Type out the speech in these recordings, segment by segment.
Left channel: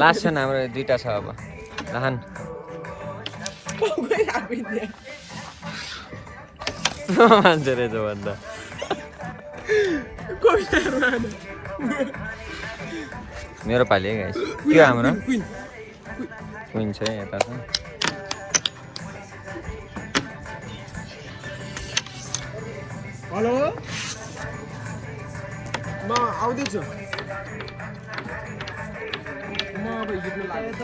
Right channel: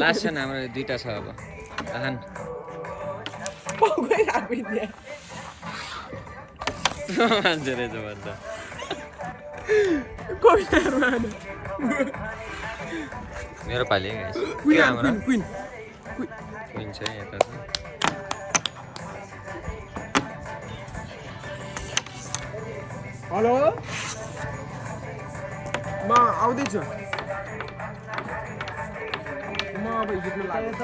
Last छ हाम्रो दुईटा छ अब आहान मान्छे रहेछ भन्दा मेरो पालि है गाइस के हाम्रो क्वीन छ यता छ हेलो म आउँदैछु म अब हिँड्न लाग्यो त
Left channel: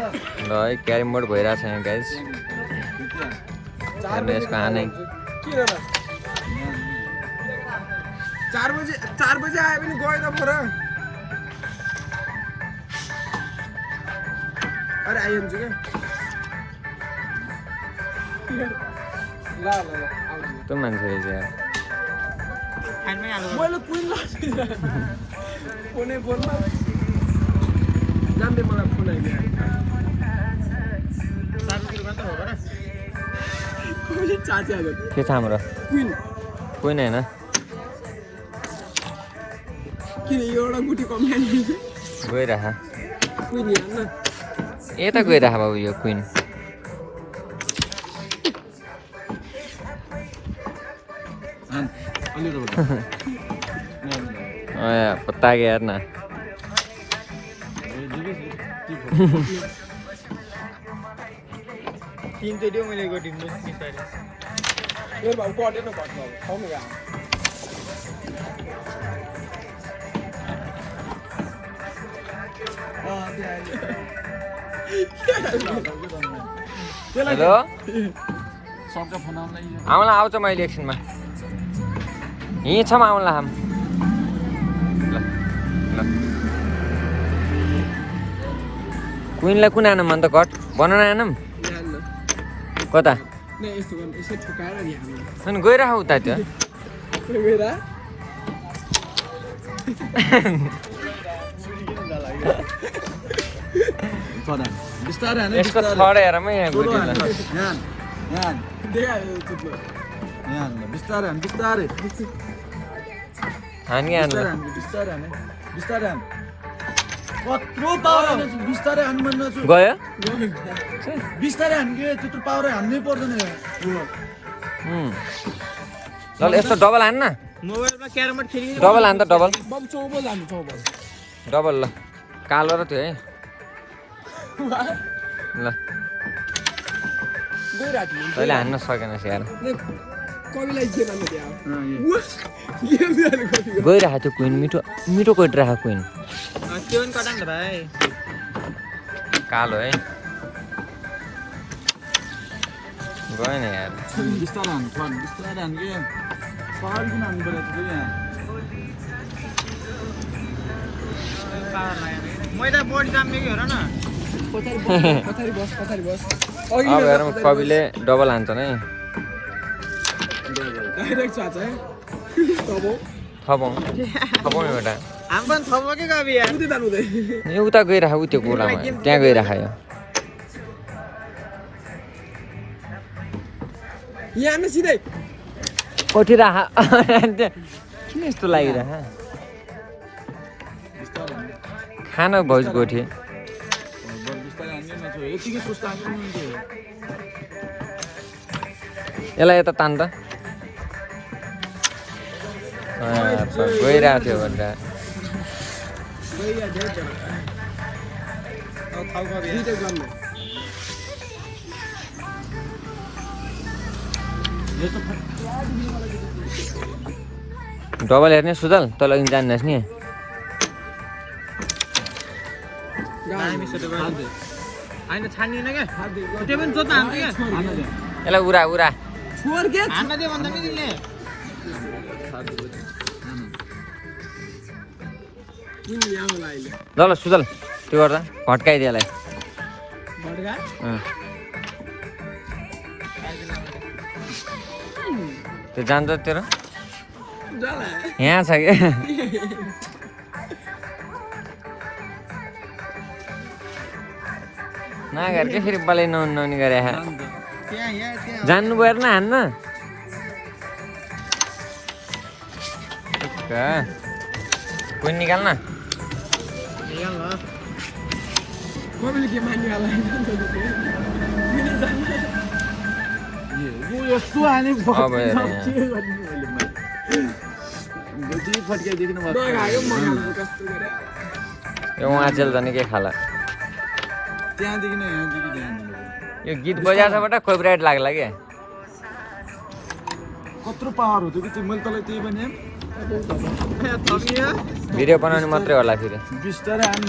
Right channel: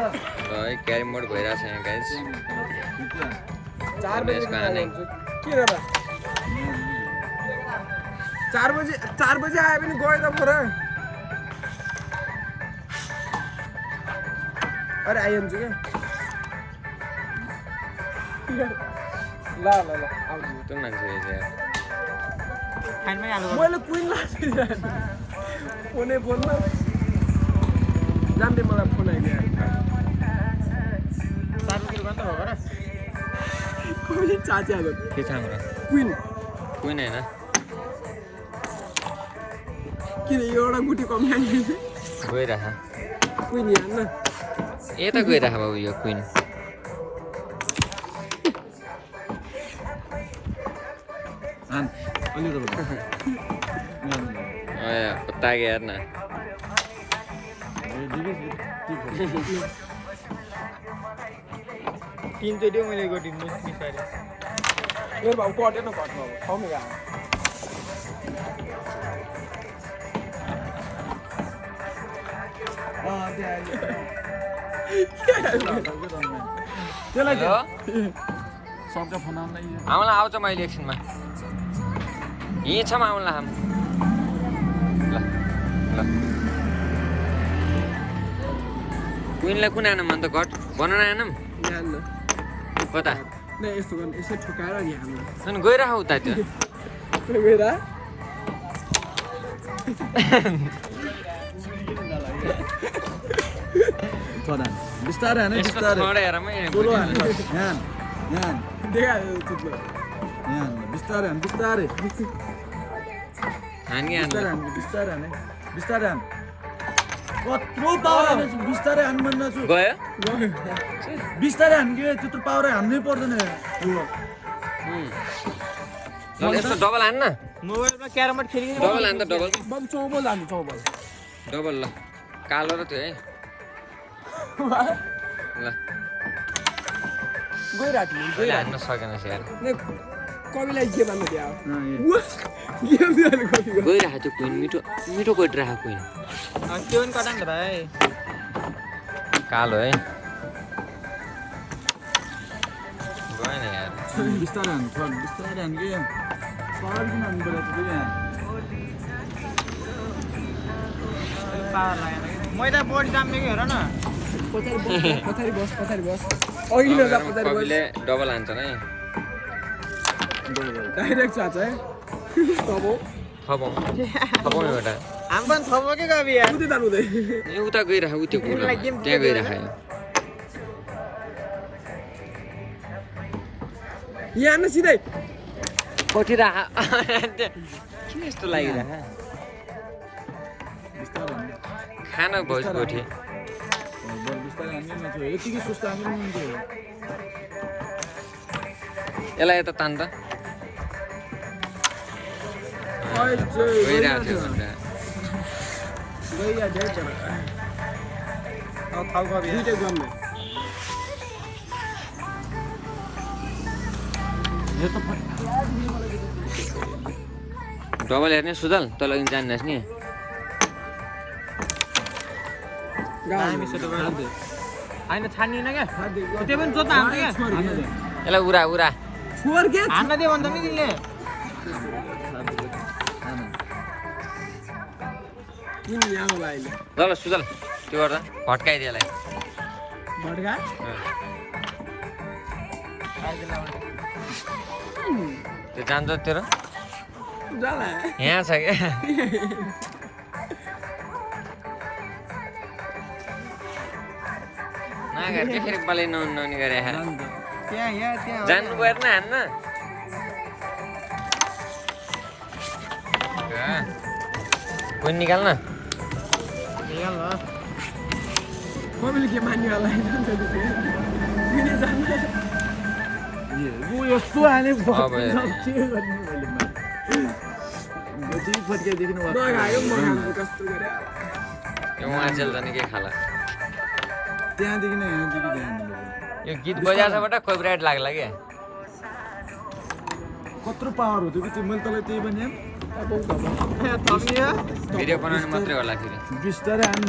ल है क्यारम बोर्ड भइरहेछ यहाँ गाइस 4 बजे यसको आने के रे 4 बजे आयो भने गयो त पुरा अरे आइन्छ के ल आउँछु त्यो मान्छे रहेछ यार मैले क्वीन लाग्छ फोनै बोल्न जान्दै मलाई फोन आइदियो कोही चाची आएको के छ हाम्रो क्वीन होइन किन एउटा गुटी कमाइ गइरह क्वीन हेर्न यता गइरह बाबु यो क्वीन अलि त पत्ता गया यार ना तीन टेडियो मैले गटिन मिसाइल मेरो बाबु कटेन कट बाबु ठाउँमै गयो सबका फोन आउँला आउँछ मैले एकछिनमा यहीँ छौँ आउँला हाम ल ल क्वीनलाई कुन आनौँ अन्त घट बनाउन आनौँ कता यस्तो गर्नु यसो ठोकाएर नि हामीलाई अनि गइरह उता त्यो गएर बिस्तारै हाने बिस्तारै हेरमै यहाँ गइदिएला बिस्तारै हान बिस्तारै हानी बिस्तारै हाने बिस्तारै हान कत्रो पावर बिस्तारै हान मन नछु गयो बिस्तारै हान के त्यत्रो पावर हान्नै पर्दैन ल यस्तो डबल हान्न मोबाइलमा क्यारम बोर्ड खेली डबल हान् त डबल बम चौबल हान्नु चौबल डबल ल कालो र त्यो है ल गइराख्नु अहिले हान्न सकेनस् यार कविलाई जे भन्नु दियो गइरह त्यो क्वीन मिठो मिठो गइरह क्वीन त्यो पनि कटाङ भाइ कालो है गएन यार बिस्तारै हान थोर बिस्तारै हान के सवाल किन हान्नु बेला त यहाँ मैदा बोर्ड दाम्ने हेर न पछाडि बस कविले डबल हान्छन् है डाइरेक्ट चाच है थपौँ एउटा हामी पनि थपो के गाबी यार उति दानुदै यो उता गइरह उ त्यो गोलामा त्यहाँ गइरह यो यहाँ न सिधै कोठिरह किन यस्तो लागिरह खान भोज गोठी यसलाई यता तान त गइरहेको थियो भन्दा डबल हेर्ने सुदल तल जान्नुहोस् नि यसलाई उरा उरा ल ल सुदल त्यो गर्दा भट्काइदियो यसलाई त्यो जान्छ तेरो यहाँ छ कि नगर के फेरि पलै नहुने गरे जान्नु पऱ्यो न हान्न क्वीन निकाल्न मैले के मान्यो होला ऊ यस्तो हाने अब हेर। फट्काइदिनु गयो म खान्छु कस्तो गरे यो उहाँचेल जाने के खाला त्यहाँदेखि नै यहाँदेखि ध्यान यो गीत बजाएछबाट कपिराइट लाग्ला क्या कत्रो पावर हो त्यो कि मैले तँलाई त्यही भने भिडियो बनाउने मात्रै होला फेरि बिस्तारै हान